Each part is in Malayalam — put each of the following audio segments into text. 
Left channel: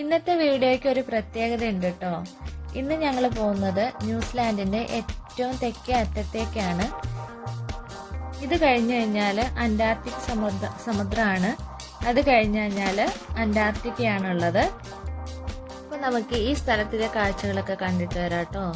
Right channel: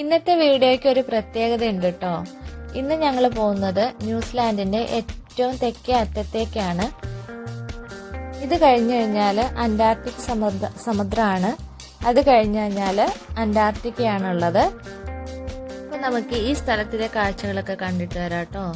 ഇന്നത്തെ വീഡിയോയ്ക്ക് ഒരു പ്രത്യേകത ഉണ്ട് കേട്ടോ. ഇന്ന് ഞങ്ങൾ പോകുന്നത് ന്യൂസിലാൻഡിന്റെ ഏറ്റവും തെക്കേ അറ്റത്തേക്കാണ്. ഇത് കഴിഞ്ഞു കഴിഞ്ഞാൽ അന്റാർട്ടിക് സമുദ്രമാണ്. അത് കഴിഞ്ഞു കഴിഞ്ഞാൽ അന്റാർട്ടിക്കയാണുള്ളത്. അപ്പൊ നമുക്ക് ഈ സ്ഥലത്തിലെ കാഴ്ചകളൊക്കെ കണ്ടിട്ട് വരാം കേട്ടോ.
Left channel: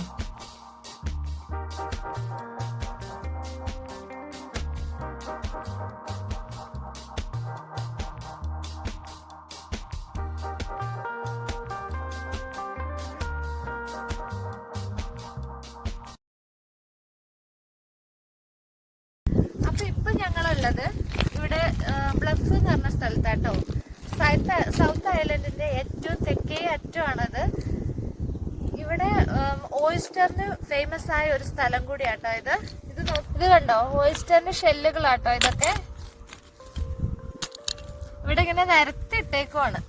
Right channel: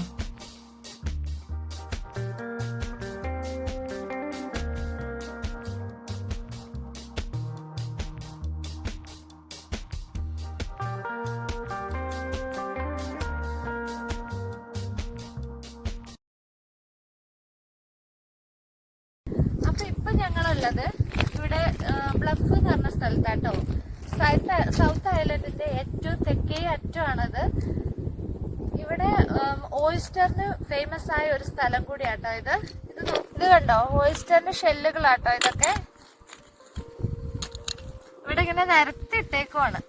അപ്പൊ ഇപ്പൊ ഞങ്ങളുള്ളത് ഇവിടെ ബ്ലഫ് എന്ന് പറഞ്ഞ സ്ഥലത്താട്ടോ. സൗത്ത് ഐലൻഡിന്റെ ഏറ്റവും തെക്കേ അറ്റമാണത്. ഇവിടെ ഓയിസ്റ്ററിന് ഫേമസ് ആയ ഒരു സ്ഥലം കൂടിയാട്ടോ ഇത്. ഇത് കണ്ടോ, ഓയിസ്റ്ററിന്റെ ഷെല്ലുകളാട്ടോ ഇതൊക്കെ. ഇവിടെ ഇങ്ങനെ നിരത്തിട്ടേക്കുവാണ്.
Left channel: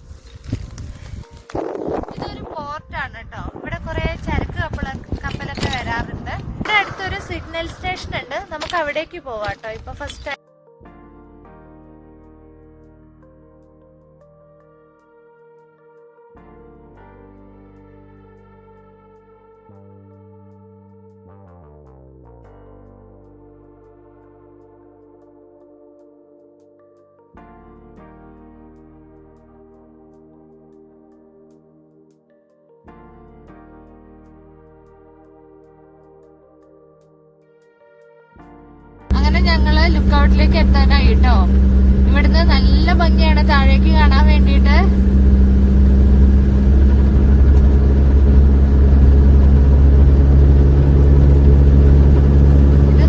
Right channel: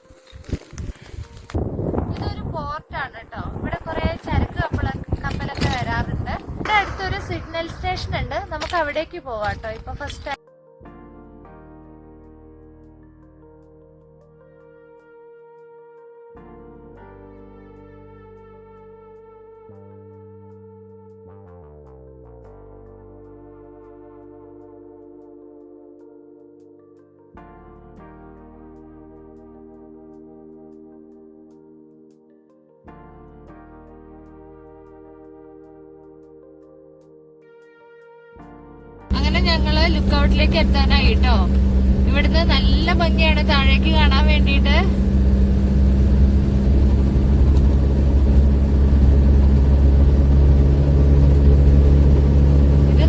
ഇതൊരു പോർട്ടാണ് കേട്ടോ. ഇവിടെ കുറെ ചരക്ക് കപ്പലൊക്കെ വരാറുണ്ട്. ഇവിടെ അടുത്തൊരു സിഗ്നൽ സ്റ്റേഷൻ ഉണ്ട്, നമുക്ക് അവിടേക്ക് പോവാട്ടോ. ഇപ്പൊ ഫസ്റ്റ് അങ്ങനെ ഞങ്ങള് ലുക്ക് ഔട്ടിലേക്ക് എത്താനായി കേട്ടോ. ഇവിടുന്ന് നല്ല ഭംഗിയാണ് താഴേക്ക് കാണാൻ വേണ്ടിയിട്ട്. ഇത്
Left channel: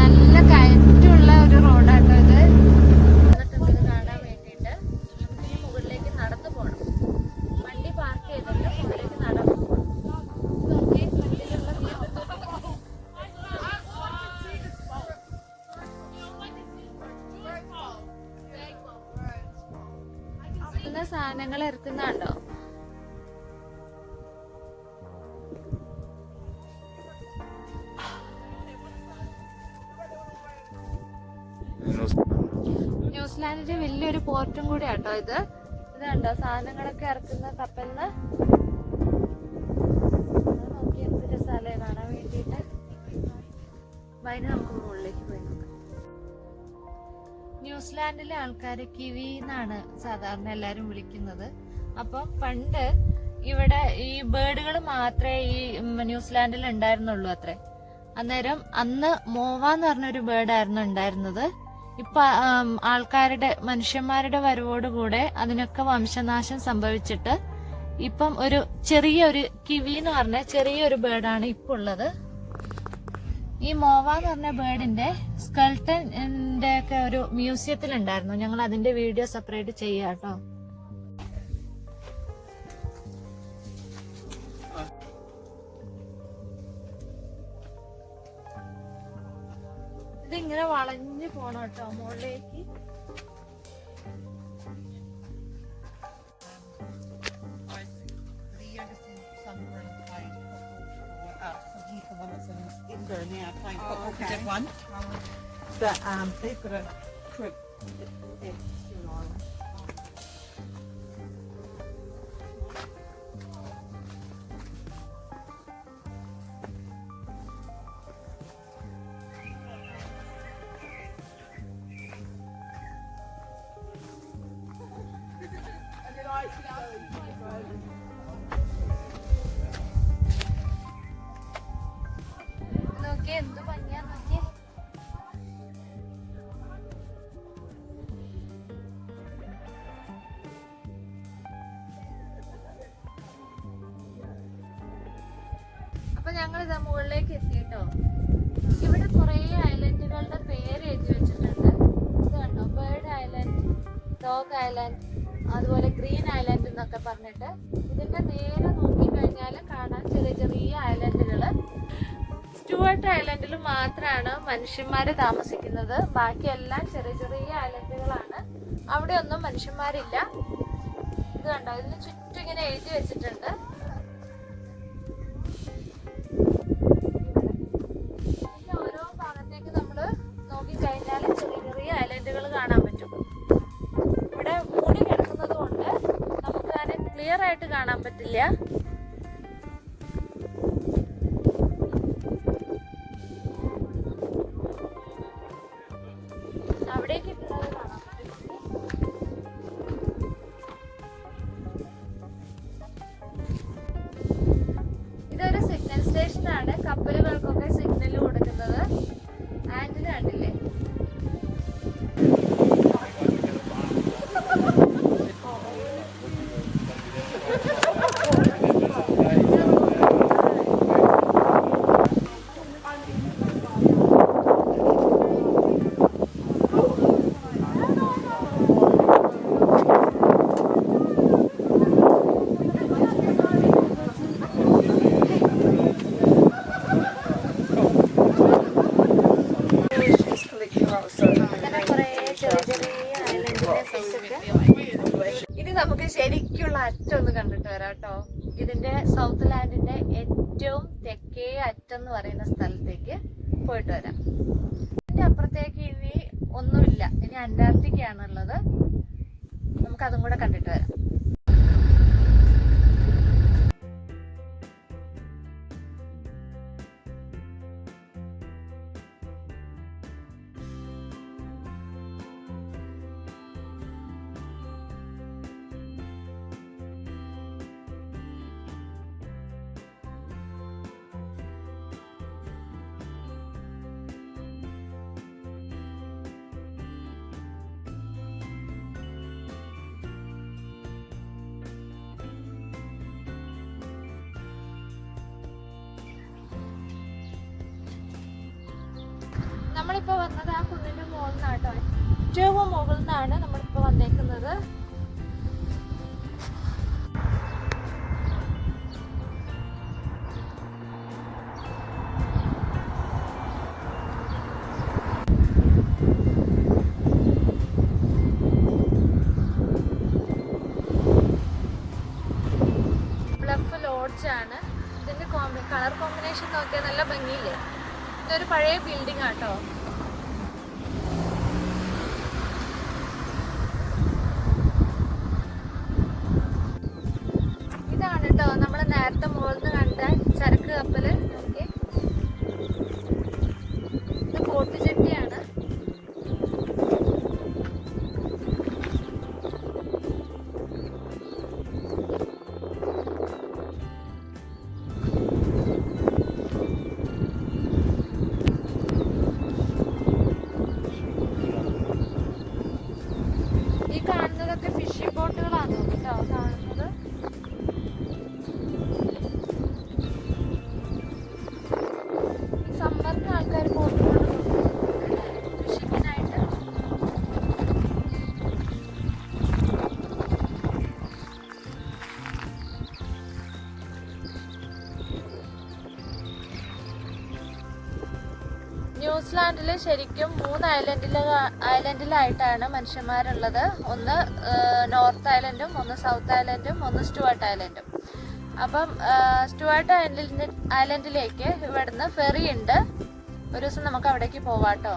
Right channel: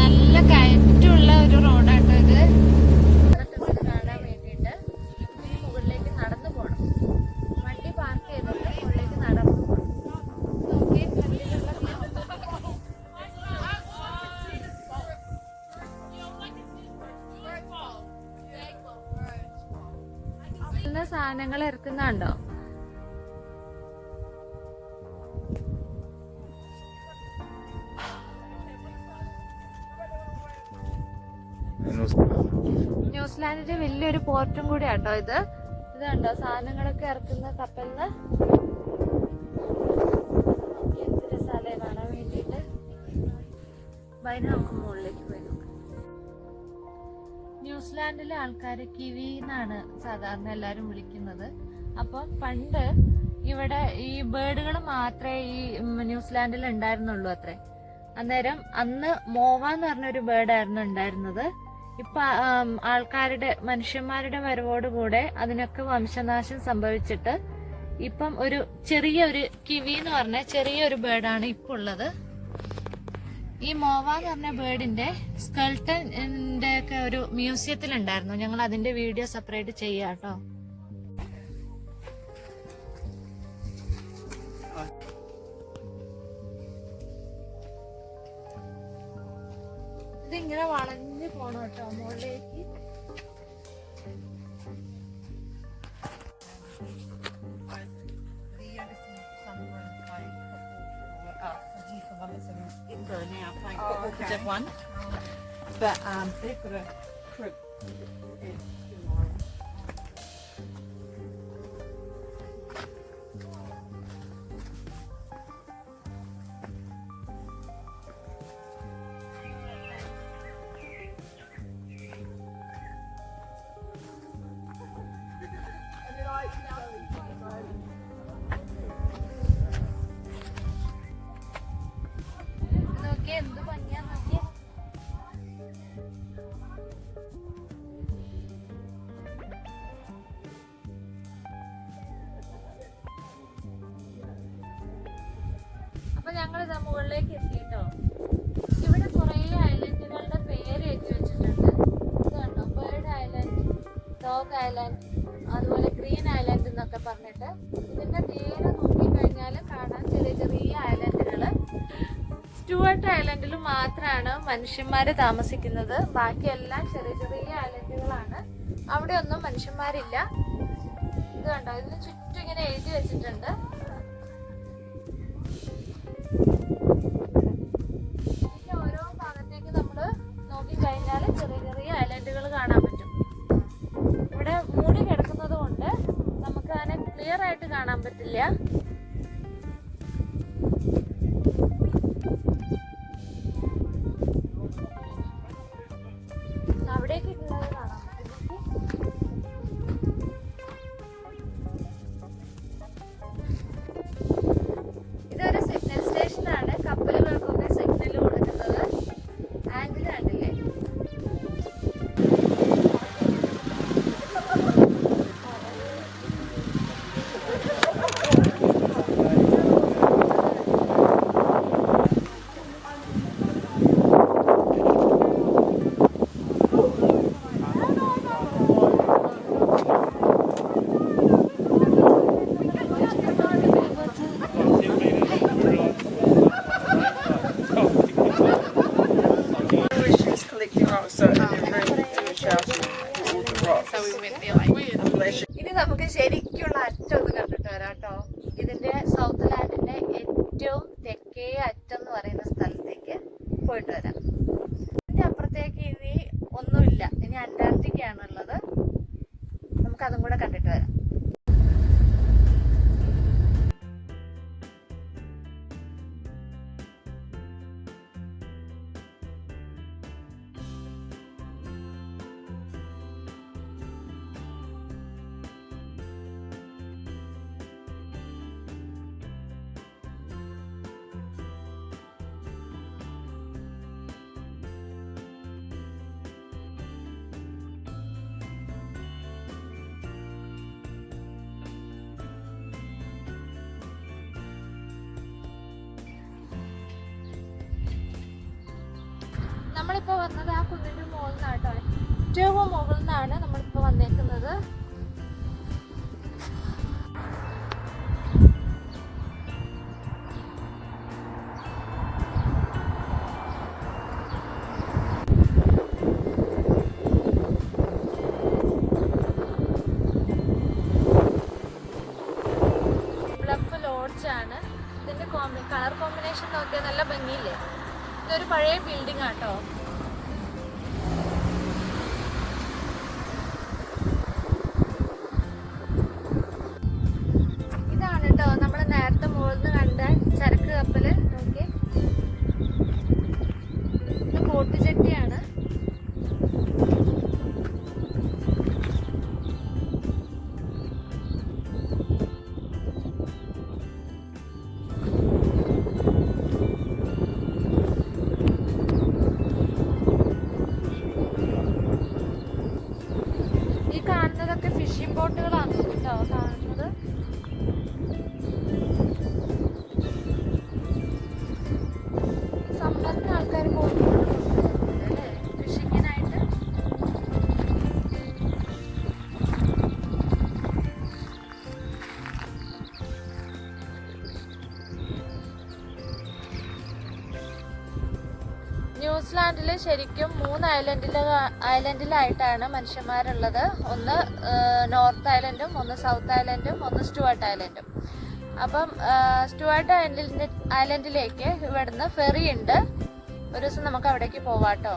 നല്ല കയറ്റുള്ള ഒരു റോഡാട്ടോ ഇത്. കാണാൻ വേണ്ടിയിട്ട് മുകളിലേക്ക് നടന്നു പോണം. വണ്ടി പാർക്ക് ചെയ്തിട്ട് മുകളിലേക്ക് നടന്നു പോണം. നോക്കി ഫ്രണ്ടിലുള്ള സാധനങ്ങൾ ഇറക്കുന്നുണ്ടോ. ന്യൂസിലാൻഡിന്റെ വലിയൊരു പോർട്ടും കൂടി ആട്ടോ ഇത്. ഇത് കണ്ടോ, സാധനങ്ങളൊക്കെ ഇറക്കുന്ന കപ്പലിന്. എന്ത് രസാലേ കാണാൻ വേണ്ടിട്ട്. നമുക്ക് മുകളിലേക്ക് പോയി. ന്യൂസിലാൻഡിലെ ആൾക്കാര് കിവി എന്നാണ് സാധാരണ എല്ലാരും വിളിക്കുന്നത്. അപ്പം പണ്ട് ഇവിടെ ഈ ബേർഡുകൾ മാത്രമേ ഈ ന്യൂസിലാൻഡിൽ ഉണ്ടായിരുന്നുള്ളൂ അത്രേ. അന്നേരം അന്ന് മോവ എന്ന് പറഞ്ഞൊരു ബേർഡായിരുന്നു ഉണ്ടായിരുന്നത്. ഇപ്പൊ മനുഷ്യന്മാരുടെ വരവോടുകൂടെ അതിനൊക്കെ വംശനാശം സംഭവിച്ചിട്ട് ഇപ്പം ഒരു ചെറിയൊരു കിവി എന്ന് പറഞ്ഞ ചെറിയൊരു ബേർഡാണ് ഇപ്പൊ ഉള്ളത്. ഈ മോവ എന്ന് പറഞ്ഞ ബേർഡിന്റെ സ്കെൽട്ടന്റെ ഒക്കെ ഒരു മ്യൂസിയത്തിൽ ഉണ്ടായിരുന്നു. ഞങ്ങൾ അതിന്റെ വീഡിയോ സെപ്പറേറ്റ് ചെയ്യാട്ടോ. ഇതിങ്ങനെ വളഞ്ഞു പോണം കേട്ടോ മുകളിലേക്ക്. Now playing football for that one, but they've got a trip. എന്ത് ഭംഗിയാ നോക്കിയേ. അപ്പൊ ഞങ്ങൾ ഇതാ മുകളിലേക്ക് എത്തിട്ടോ. ഇവിടെ കുറെ ഐലൻഡുകളുടെ പേര് എഴുതി വെച്ചിട്ടുണ്ട്. ഇത് കണ്ടോ, ബേർഡ് ഐലൻഡ്, ഡോഗ് ഐലൻഡ്, അതുപോലെ ഗ്രീൻ ഐലൻഡ് എന്നൊക്കെ പറഞ്ഞിട്ട്. ഇതിന്റെ നേരെ നോക്കിക്കഴിഞ്ഞാൽ കാണാൻ ചെറിയ ചെറിയ ഐലൻഡുകള്. സ്റ്റുവർട്ട് ഐലൻഡിൽ മാത്രമാണ് മനുഷ്യന്മാര് താമസിക്കുന്നത്. ബാക്കിയെല്ലാം ചെറിയ ചെറിയ ഐലൻഡുകളാണ്. അവിടെ ഒന്നും മനുഷ്യന്മാരില്ല. ഇത് കണ്ടോ, ഇതിന് ചുറ്റും ഇങ്ങനെ എഴുതി വെച്ചിട്ടുണ്ട്. ഓരോ ഭാഗത്തേക്ക് നമ്മള് നോക്കിക്കഴിഞ്ഞാൽ ചെറിയ ചെറിയ ഐലൻഡുകൾ കാണാൻ പറ്റും. ഇവിടെ മൂടി കിടക്കുന്നത് കൊണ്ട് ക്ലിയർ ആയിട്ട് കാണാൻ പറ്റില്ല. അവിടേക്ക് ഇതൊരു സിഗ്നൽ സ്റ്റേഷനാണ്. കപ്പലുകൾക്കൊക്കെ സിഗ്നൽ കൊടുക്കുന്നത്. ആൻഡിൽ കണ്ടില്ലേ? ഇനി നമുക്ക് ശരിക്കുള്ള അറ്റം ഒന്ന് കണ്ടിട്ട് വരാം കേട്ടോ. ഇതിന്റെ സൗത്ത് ലാൻഡിന്റെ ഏറ്റവും തെക്കേ അറ്റം എന്ന് പറയുന്ന സ്ഥലത്തേക്ക് പോയിട്ട് വരാം. ഇതിന്റെ അപ്പുറത്തേക്ക് ഇനി ഒന്നുമില്ല, ഇനി അന്റാർട്ടിക്ക ആണുള്ളത്. നമുക്ക് അതും കൂടെ കണ്ടിട്ട് വരാം. നമ്മളിപ്പോ വന്നത് ആ കുന്നിന്റെ മുകളിൽ നിന്നാട്ടോ. ഏറ്റവും മുകളിൽ നിന്നാണ് നമ്മളിപ്പോ വന്നേക്കുന്നത്. ബ്ലഫ് ലോഡ്ജ് ആണ്. ഇതിന്റെ കളർ കോമ്പിനേഷൻ നോക്കിയാൽ നല്ല ഭംഗിയില്ലേ? ഇതൊരു പഴയ ബിൽഡിംഗ് ആട്ടോ. ഇതാണ് കേട്ടോ നമ്മൾ നേരത്തെ മുകളിൽ നിന്ന് കണ്ട ചരക്ക് കപ്പല്. ഓക്കെ, ഇത് കോട്ടുചെട്ടിയാണ്. കാണുന്നതൊക്കെ ഫിഷിംഗ് ബോട്ടുകളാണ് കേട്ടോ കാണുന്നത്. സമ്മറിന് ആൾക്കാർ പോകുന്നുണ്ട് ഫിഷിങ്ങിനായിട്ട്. ന്യൂസിലാൻഡില് ശരിക്കും 3 ഐലൻഡിലായിട്ടാണ് മനുഷ്യന്മാരുള്ളത്. ഒന്ന് നോർത്ത് ഐലൻഡും, ഒന്ന് സൗത്ത് ഐലൻഡും, ഒന്ന് സ്റ്റുവർട്ട് ഐലൻഡും. അപ്പം സ്റ്റുവർട്ട് ഐലൻഡിലേക്ക് ഇവിടുന്ന് ഫെറി ഉണ്ട്. ഒരു ദിവസം നമുക്ക് അവിടേക്ക് പോവാട്ടോ.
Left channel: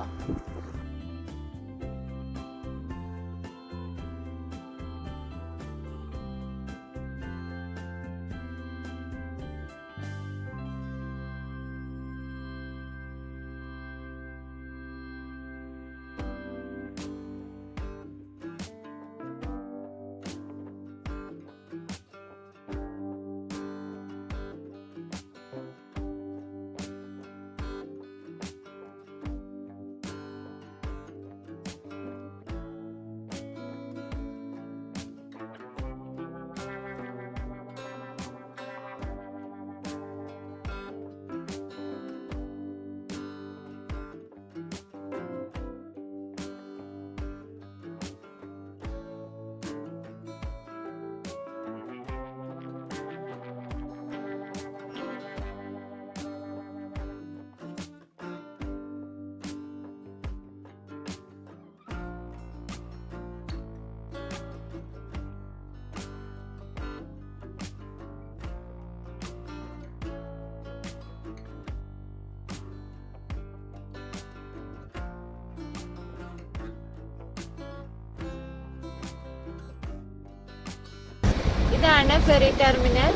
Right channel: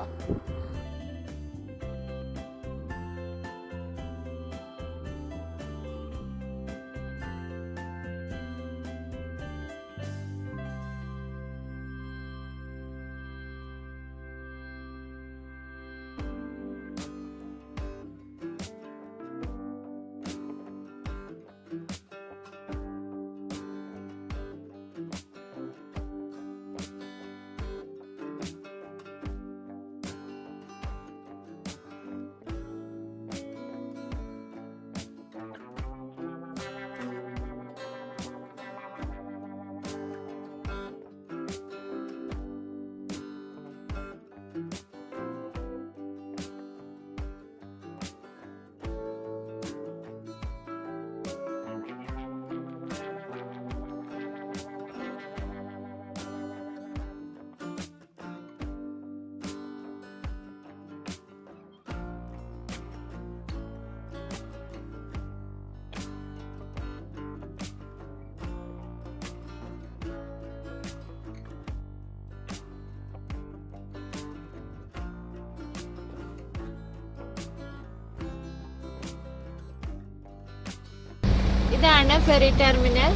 ഇതാണ് ഫെറി ടെർമിനൽ.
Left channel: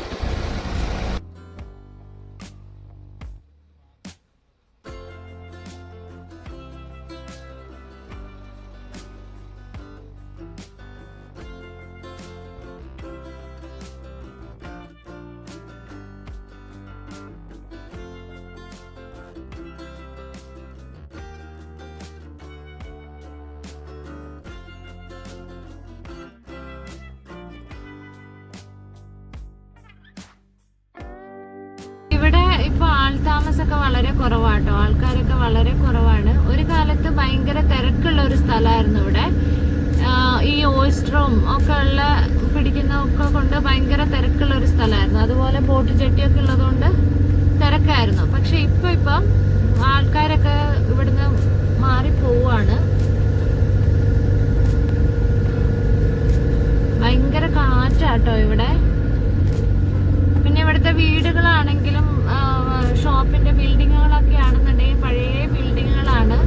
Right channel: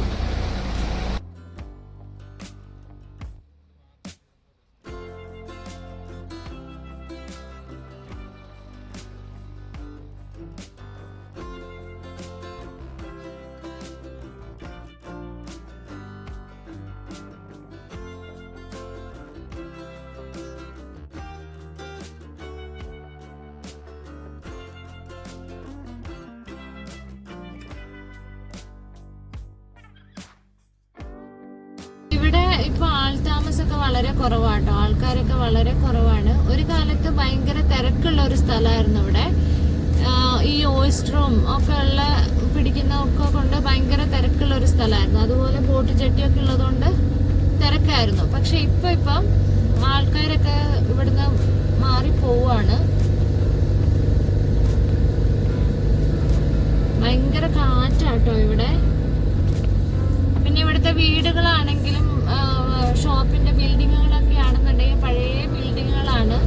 ഇവിടെ ഇപ്പൊ ആൾതാമസമൊക്കെ വളരെ കുറവാട്ടോ, ആൾക്കാരൊക്കെ വളരെ കുറവാണ്. ഒരു കാലത്ത് ഭയങ്കര തിരക്കുള്ള ഒരു സ്ഥലമായിരുന്നു ഇവിടെ. ഈ ഓയിസ്റ്ററും ഒക്കെ ഉള്ള പിടിക്കുന്നതൊക്കെ കൊണ്ട് ഭയങ്കര തിരക്കുള്ള ഒരു സ്ഥലമായിരുന്നു. അതുപോലെ ബോട്ട് ജെട്ടിയൊക്കെ ഉള്ളതുകൊണ്ട് തിരക്കായിരുന്നു. പക്ഷെ ഇപ്പം ആൾക്കാരൊക്കെ ഇവിടുന്ന് മാറി പോവാണ്. ഭയങ്കര കാറ്റാട്ടോ ഇവിടെ. പിന്നെ ഇവിടുത്തെ വീടുകളാണെങ്കിലും ഷോപ്പിന്റെ ബിൽഡിങ്ങുകളൊക്കെ ആണെന്നുണ്ടെങ്കിൽ പഴയ ബിൽഡിങ്ങുകളാണ്.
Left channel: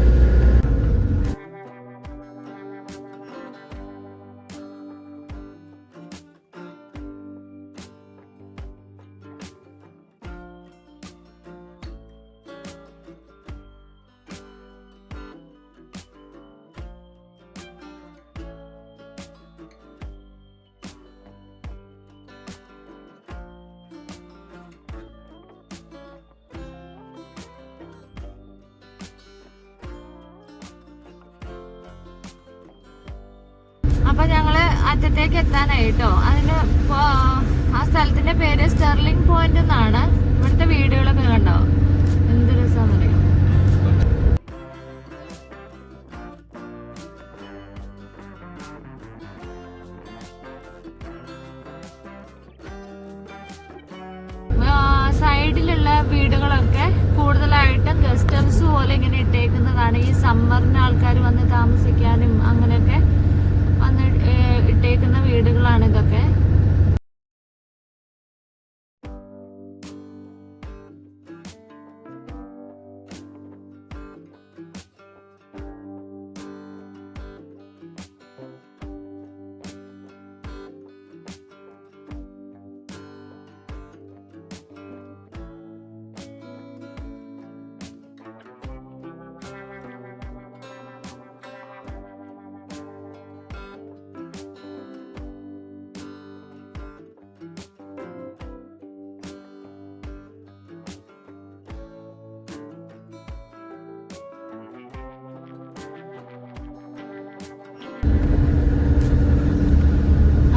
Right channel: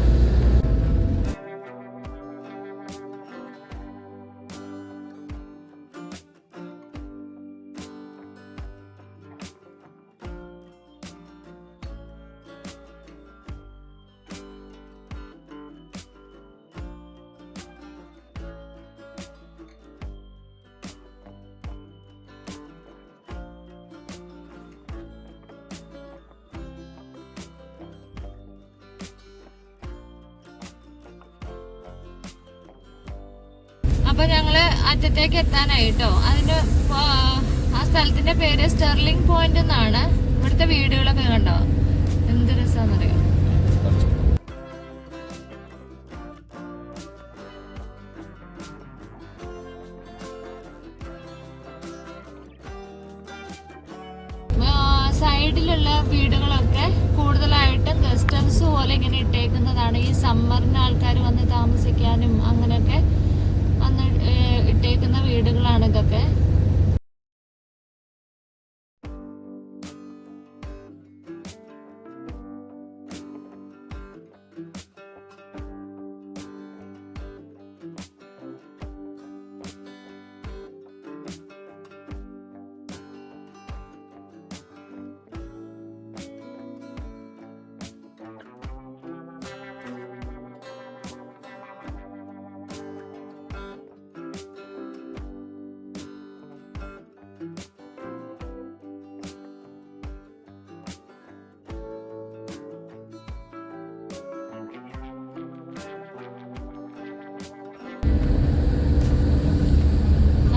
അപ്പൊ ഞങ്ങള് അറ്റത്തേക്ക് എത്താനായിട്ടോ. അതിന് ആ സ്ഥലത്തിന്റെ പേര് സ്റ്റെർലിംഗ് പോയിന്റ് എന്നാണ്. ഇവിടുത്തെ വീടുകളൊക്കെ കണ്ടോ, എന്ത് രസാന്നറിയോ. സൈഡിലുള്ള വീടുകളൊക്കെ കൂടുതലായിട്ടും ഗസ്റ്റ് ഹൗസ് പോലെ ഇങ്ങനെ ഇട്ടേക്കുന്നതാണ്. ഈ സമ്മറിന് ആൾക്കാർ വന്ന് താമസിക്കാനും അങ്ങനെയൊക്കെ വന്ന് ഇട്ടേക്കുന്ന വീടുകളാണ് ഇതൊക്കെ.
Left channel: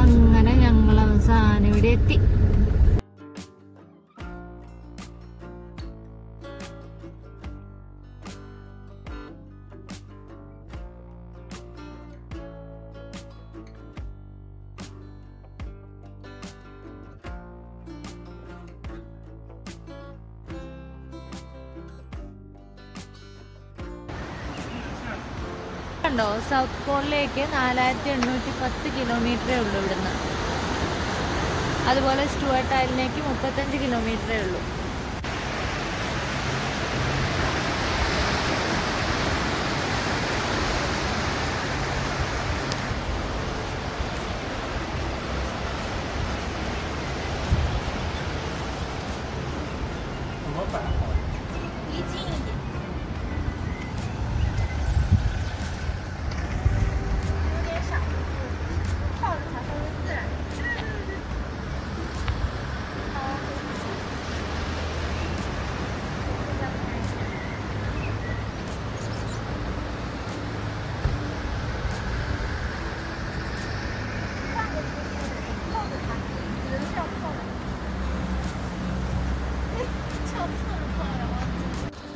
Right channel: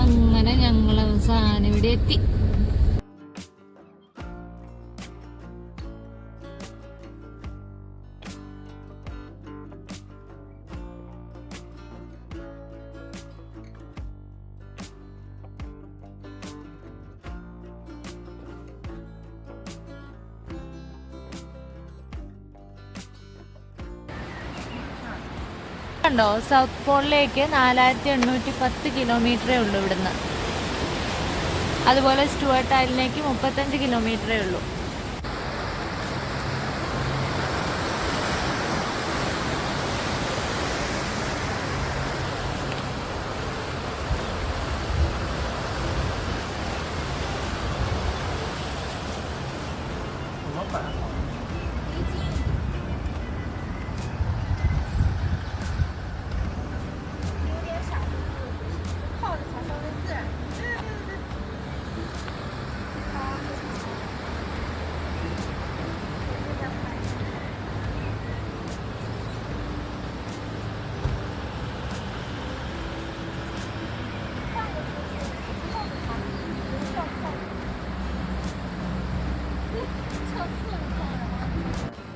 അങ്ങനെ ഞങ്ങൾ അവസാനം ഇവിടെ എത്തി. ോ സൗത്ത് പോളിലേക്ക് 4810 കിലോമീറ്ററേ ഉള്ളൂ ഇവിടുന്ന്. അതുപോലെ സ്റ്റുവർട്ട് ഐലൻഡിലേക്ക് 35 കിലോമീറ്ററേ ഉള്ളൂ.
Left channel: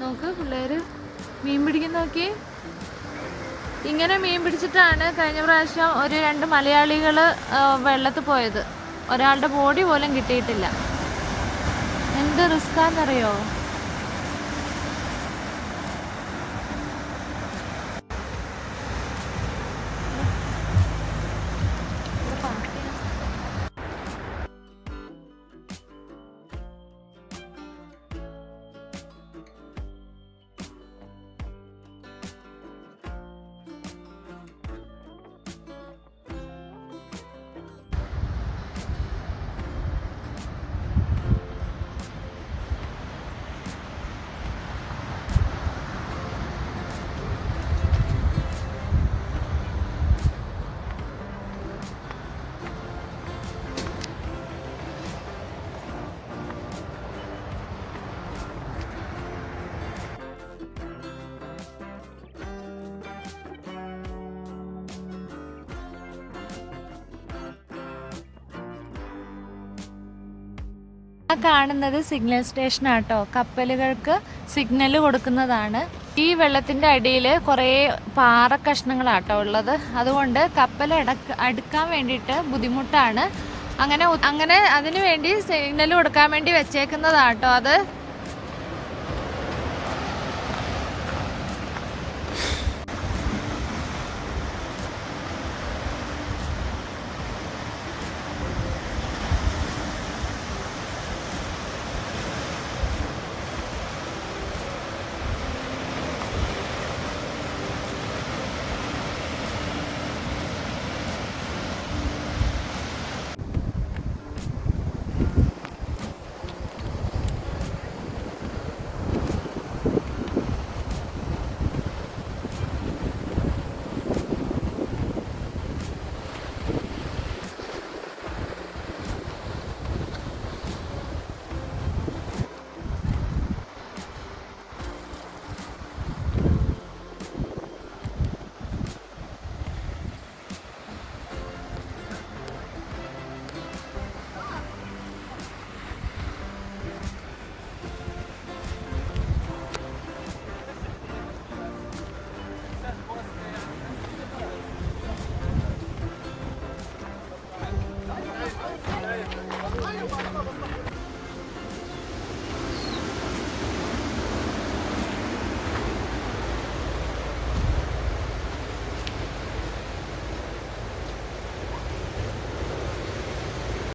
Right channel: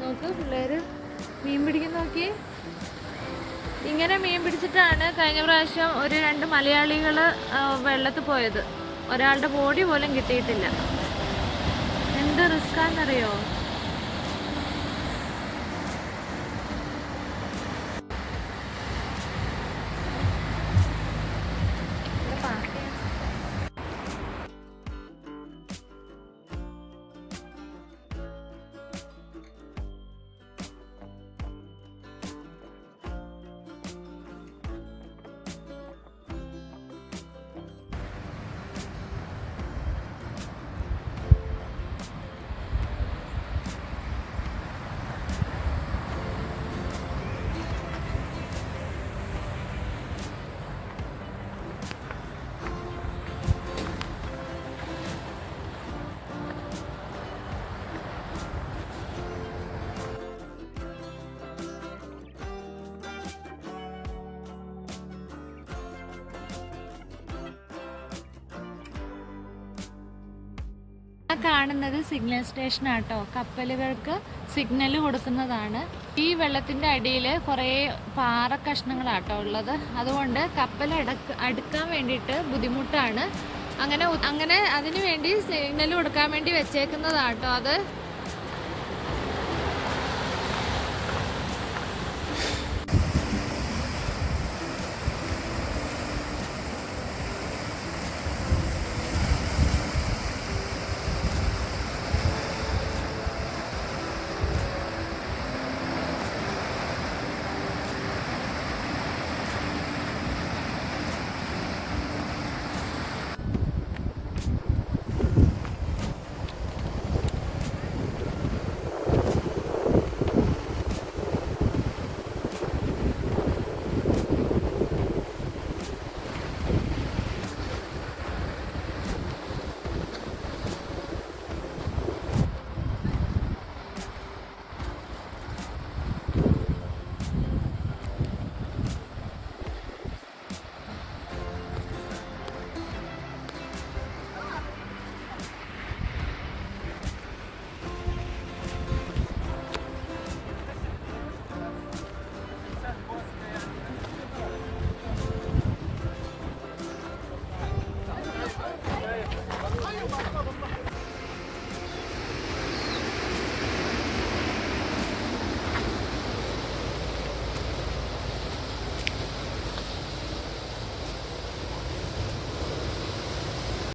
നോക്ക് പിള്ളേര് മീൻ പിടിക്കുന്ന നോക്കി. ഇങ്ങനെ മീൻ പിടിച്ചിട്ടാണ് കഴിഞ്ഞ പ്രാവശ്യം ഒരു 2 മലയാളികൾ വെള്ളത്തിൽ പോയത്. ഒരാളുടെ ബോഡി പോലും കിട്ടിയിട്ടില്ല. എന്ത് റിസ്ക്കാന്നറിയോ. കാണുന്നത് സിഗ്നൽ സ്റ്റേഷൻ ആട്ടോ. കപ്പലുകൾക്ക് സിഗ്നൽ കൊടുക്കുന്നതാണ്. ഈ വെള്ളത്തിന്റെ അടിയിൽ കുറേ പാറ കഷ്ണങ്ങളാട്ടോ ഉള്ളത്. അതുകൊണ്ട് കപ്പൽ അടുക്കാൻ വേണ്ടിയിട്ട് ബുദ്ധിമുട്ടാണ്. അങ്ങനെ അതിനു വേണ്ടി സിഗ്നൽ കൊടുക്കാൻ വേണ്ടി വെച്ചേക്കുന്നതാട്ടോ അത്.